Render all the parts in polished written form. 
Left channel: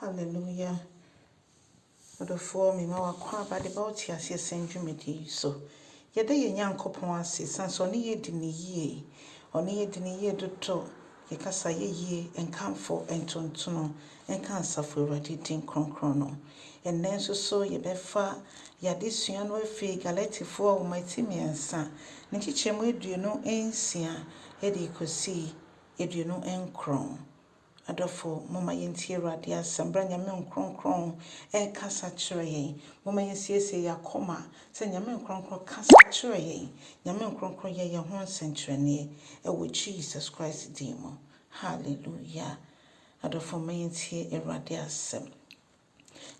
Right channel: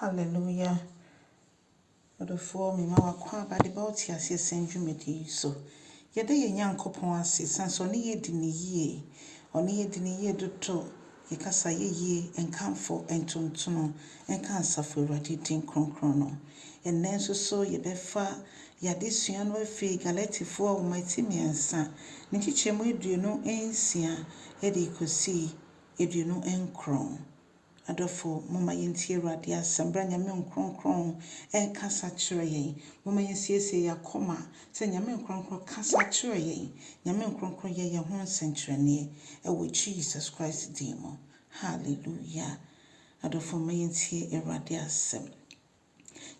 Hallelujah. Odofoɔ me ma wakɔ abade ba wote ase dwumadi so. Yɛda Onyankopon ase sanso ɔne yɛdi ne yie. Ɔne yɛdi ne yie dodo. Yɛkasa yie nkamfo ntontono nka asafo Awurade din kronkron no. Ɛnnɛ nso so yɛbɛfa yɛadesua no afiri Galatifoɔ wɔmati mmiɛnsa. Ne kyekyɛmu 26 ɛde kɔsi 29. Adofo mama yɛntie Awurade asɛm bra Nyame nkronkron kasa kyerɛ yɛn. Mama yɛnsiesie yɛakoma sɛ Nyame nkronkron kasa kyerɛ yɛn. Nyame nkronkron yɛ yɛn ho nsɛnkyerɛnne ɛwɔ Jesus Christ din mu. Hallelujah. Adofo mama yɛntie Awurade asɛm.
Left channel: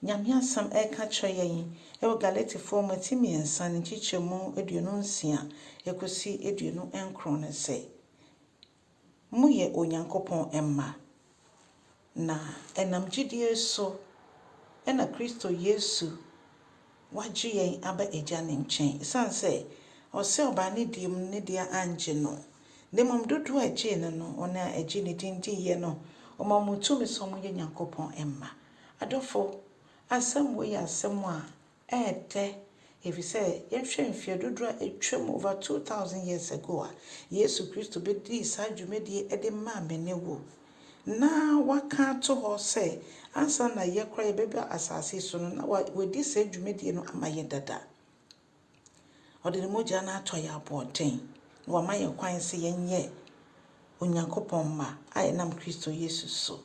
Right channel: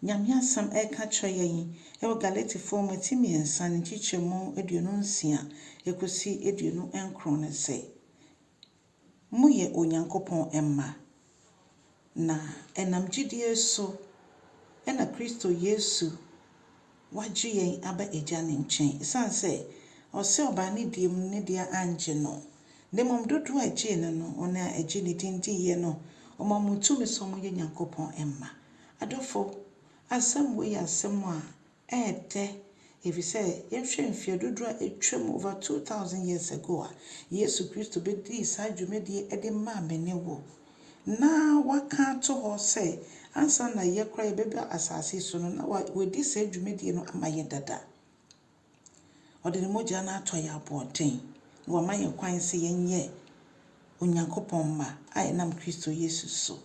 Nyame asɛm ɛka kyerɛ yɛn ɛwɔ Galatifoɔ wɔmati mmiɛnsa ne kyekyɛmu 26 ɛkɔsi 29 ne sɛ moyɛ Onyankopon mma. Na ɛnam gyidie so ɛna Kristo Yesu wagye yɛn aba agya ne nkyɛn. Ɛsiane sɛ ɔsɛ ɔbaa ne diem ne deɛ angye no. Ne mmom dodoɔ agye no no ɔna agye ne din diiɛ no ɔma mo tumi sɛ ɔmoyɛ Nyankopɔn mma. Adofo asɛm wei yɛ asɛm a ɛɛdɛ ɛfisɛ yɛhwɛ mfeɛ dodoɔ a ɛtwam over 2000 years ago a Yesu Kristo bɛdii saa dwumadie ɛde maa mene wo. Na waka to hɔ sɛ ansa na yɛkora yɛbɛba asase so no na wɔdi saa dwumadie no ama yɛ dada. Ɔde ne mogya no atɔ yɛ aboɔden na wama yɛ kwan sɛ yɛnyɛ Onyankopɔn mma a yɛnam Kristo Yesu so.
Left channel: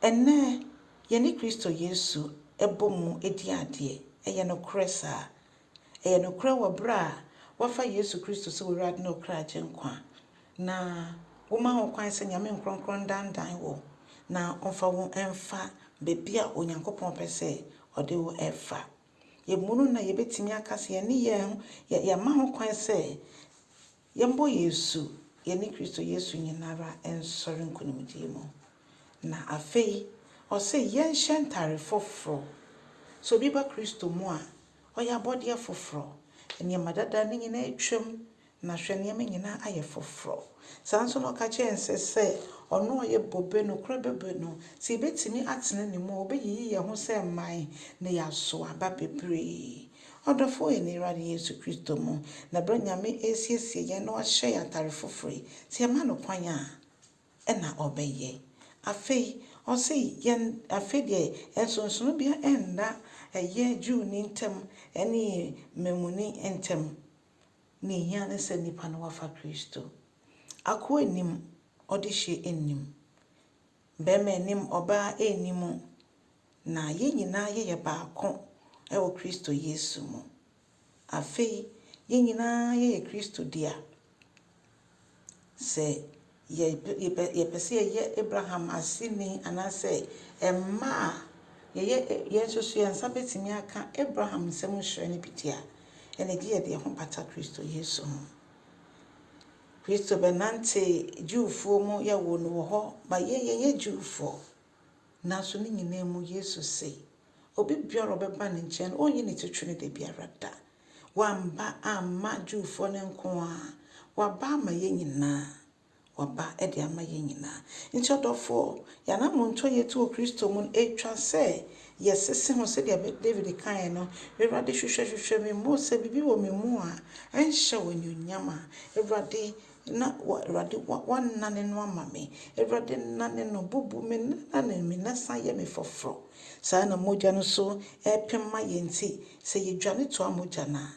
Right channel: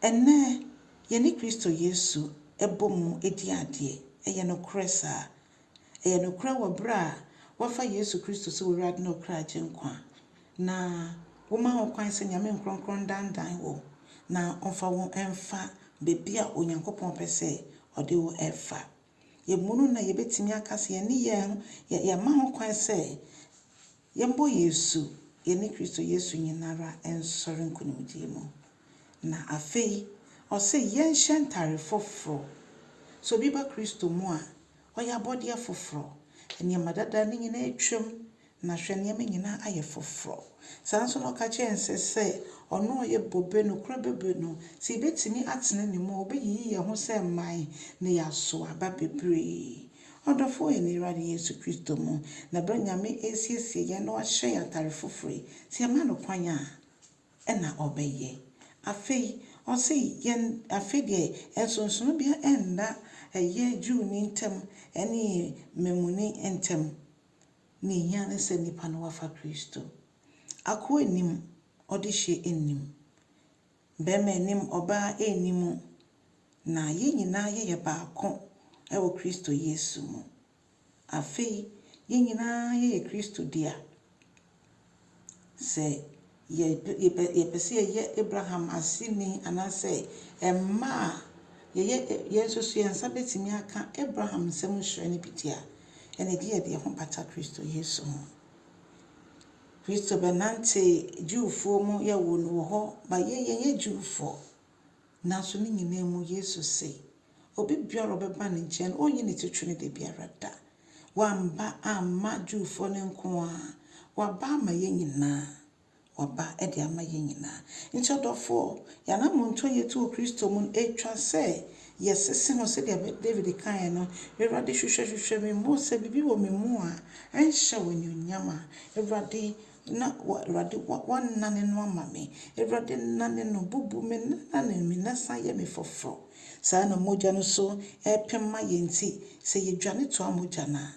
Ɛnnɛ yɛne Kristo Yesu ɛbɔ mu ɛdi adeɛ ɛyɛ nokorɛ saa. Ɛyɛ nokorɛ wɔ berɛ a wafa Yesu Kristo sɛ Awurade na ɔkra agye nkwa. Na woma ho kwan sɛ Nyame nkronkron dandan wo na ɔmfa wo ɛmfa beebi a Onyankopɔn pɛ sɛ ɔde wo ɛfa. Yɛmunu na yɛbɛtumi aka sɛ yɛne yɛma ho kwan sɛ yɛmbɔ Yesu yɛne Kristo Yesu nyinara ɛnsɔre nkonimdie mu. Na afei ɔsɛ yɛnhyɛ ntare foforɔ. So obi ba Kristo mu a ɔyɛ abɔdeɛ foforɔ. Nneɛma dada ne nyinaa atwam na hwɛ nneɛma nyinaa ayɛ foforɔ. Saa nso na ɔka kyerɛ nsɛ sɛ ɔno ɔyɛ bobe no kora bebe no sɛ yɛbɛtumi atena ne mu ɔbɛyiyi yɛn ho sɛ mman na yɛaso aba bebree. Ɔdɔfo yɛ ne Awurade Yesu Kristo mu na bere Nyame ɛsiesie yɛn na ɔhyɛ yɛn atare foforɔ sɛ yɛma no kwan a ɛna ɔbɛyɛ. Afei ɔsɛ yɛn afei deɛ ɛnsonsono bia ɛnna ɛyɛ Jew ne ntam ɛne Memuni ntam ne yɛn ne sɛ nipa no wafa Kristo. Akoa nim ɔde hyɛ enim. Bɛrima nim ɔbaa enim na yɛn nyinaa yɛyɛ baako ɛwɔ Kristo Yesu mu. Afei yɛn nyinaa yɛyɛ Kristo dia. Sɛ yɛpɛ sɛ yɛyɛ Abraham aseni anaasɛ ɛmma a yɛn nso so yɛn nsa bɛtumi aka Abraham nsɛm nhyerɛ ne bi dia. Ɛna gye yɛde ho bata Kristo Yesu ho. Kristo bɛnante Jewfoɔ mu yɛwɔ no wɔ hɔ ba yɛyɛ Jewfoɔ. Nanso ne nyinaa mu Yesu sɛ obi biara ɔbɛba ne nkyɛn ɔnyi ne titiri ne de biara da. Wamba amma Jewfoɔ ne nko a waba ama yɛn nyinaa. Waba ɛde ama yɛn nyinaa. Nti ɔdɔfoɔ Yɛnam nto yɛtu Kristo mu ɛtwa sɛ yɛsese ho sɛ deɛ David kan no Awurade hwehwɛ me mu sɛ bibi wɔ me mu a ɛnhyɛ wɔ nyonyam a Awurade na Awurade wanane no ama me. Awurade nane no bubu me nane me nasa yɛ me foforɔ. Saa na mogya no so ɛpem ma yɛn ti sɛ yɛdwane to mogya na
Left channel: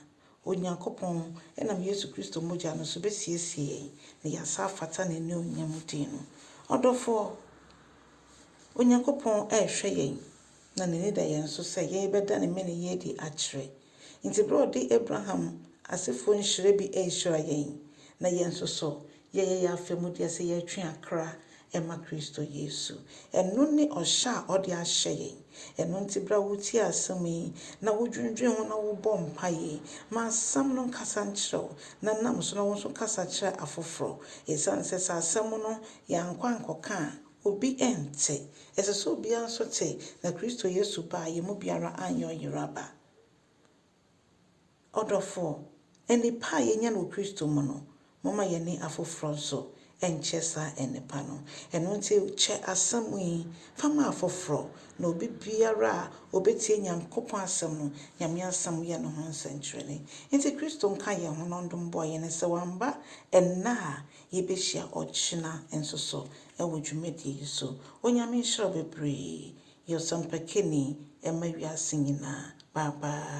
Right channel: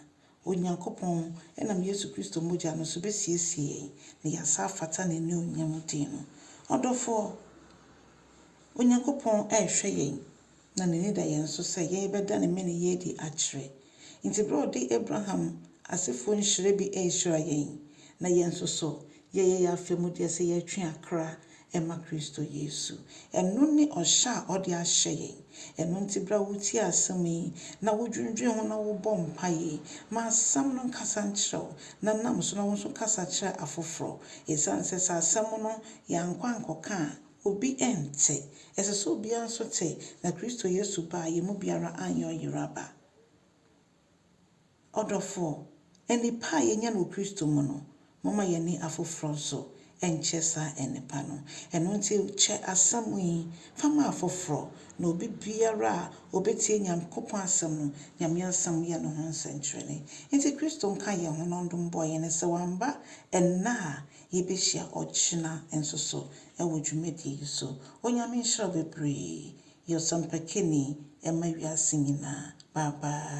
Onyankopɔn ɛnam Yesu Kristo mogya no so bɛsiesie na yɛasa fata ne ne onyam din no. Ɔdɔfoɔ Onyankopɔn ɛhwɛ yɛn na ne da yɛn so sɛ yɛbɛda ne mene yɛdi akyerɛ. Nti bere ɔde Abraham asefo nhyira bi ɛhyira yɛn na yɛn so so yɛyɛ afɛmudeɛ sɛ yɛtwe akra ɛma Kristo Yesu. Ɛno ne ɔhyɛ a ɔde ahyɛ yɛn. Ɛno nti bra wotie asɛm yi na wodwendwen ho na wobɔ mpaeɛ ma asɛm no nkasa nkyerɛw na nam so na wo nso kasa kyerɛ afoforɔ. Ɛsiane sɛ sɛ asɛm no yɛankɔ ankɔka a obi ɛnte. Ɛsɛ sɛ obiara nso te na Kristo Yesu ba yɛ mu biara anyɛ ɔyeraba. Ɔdɔfoɔ enipa a yɛnya no Kristo mu no mama yɛne afoforɔ nso ɛnkyɛ saa ɛnipa no ɛno nti kyɛ asɛm yi fama afoforo na obi biara a obetie Nyankopɔn asɛm no Nyame asɛm yɛ no ho nsɛnkyerɛnne nti Kristo nka yɛn ho nondom bɔ yɛn sɛ wamba ɛnna a yɛbɛhyia ɔkyena nso so ɛwɔ dwumadie yi so Onyame nhyira bebree yɛ ɔsampakeni ɛma wiase nyinaa bye bye.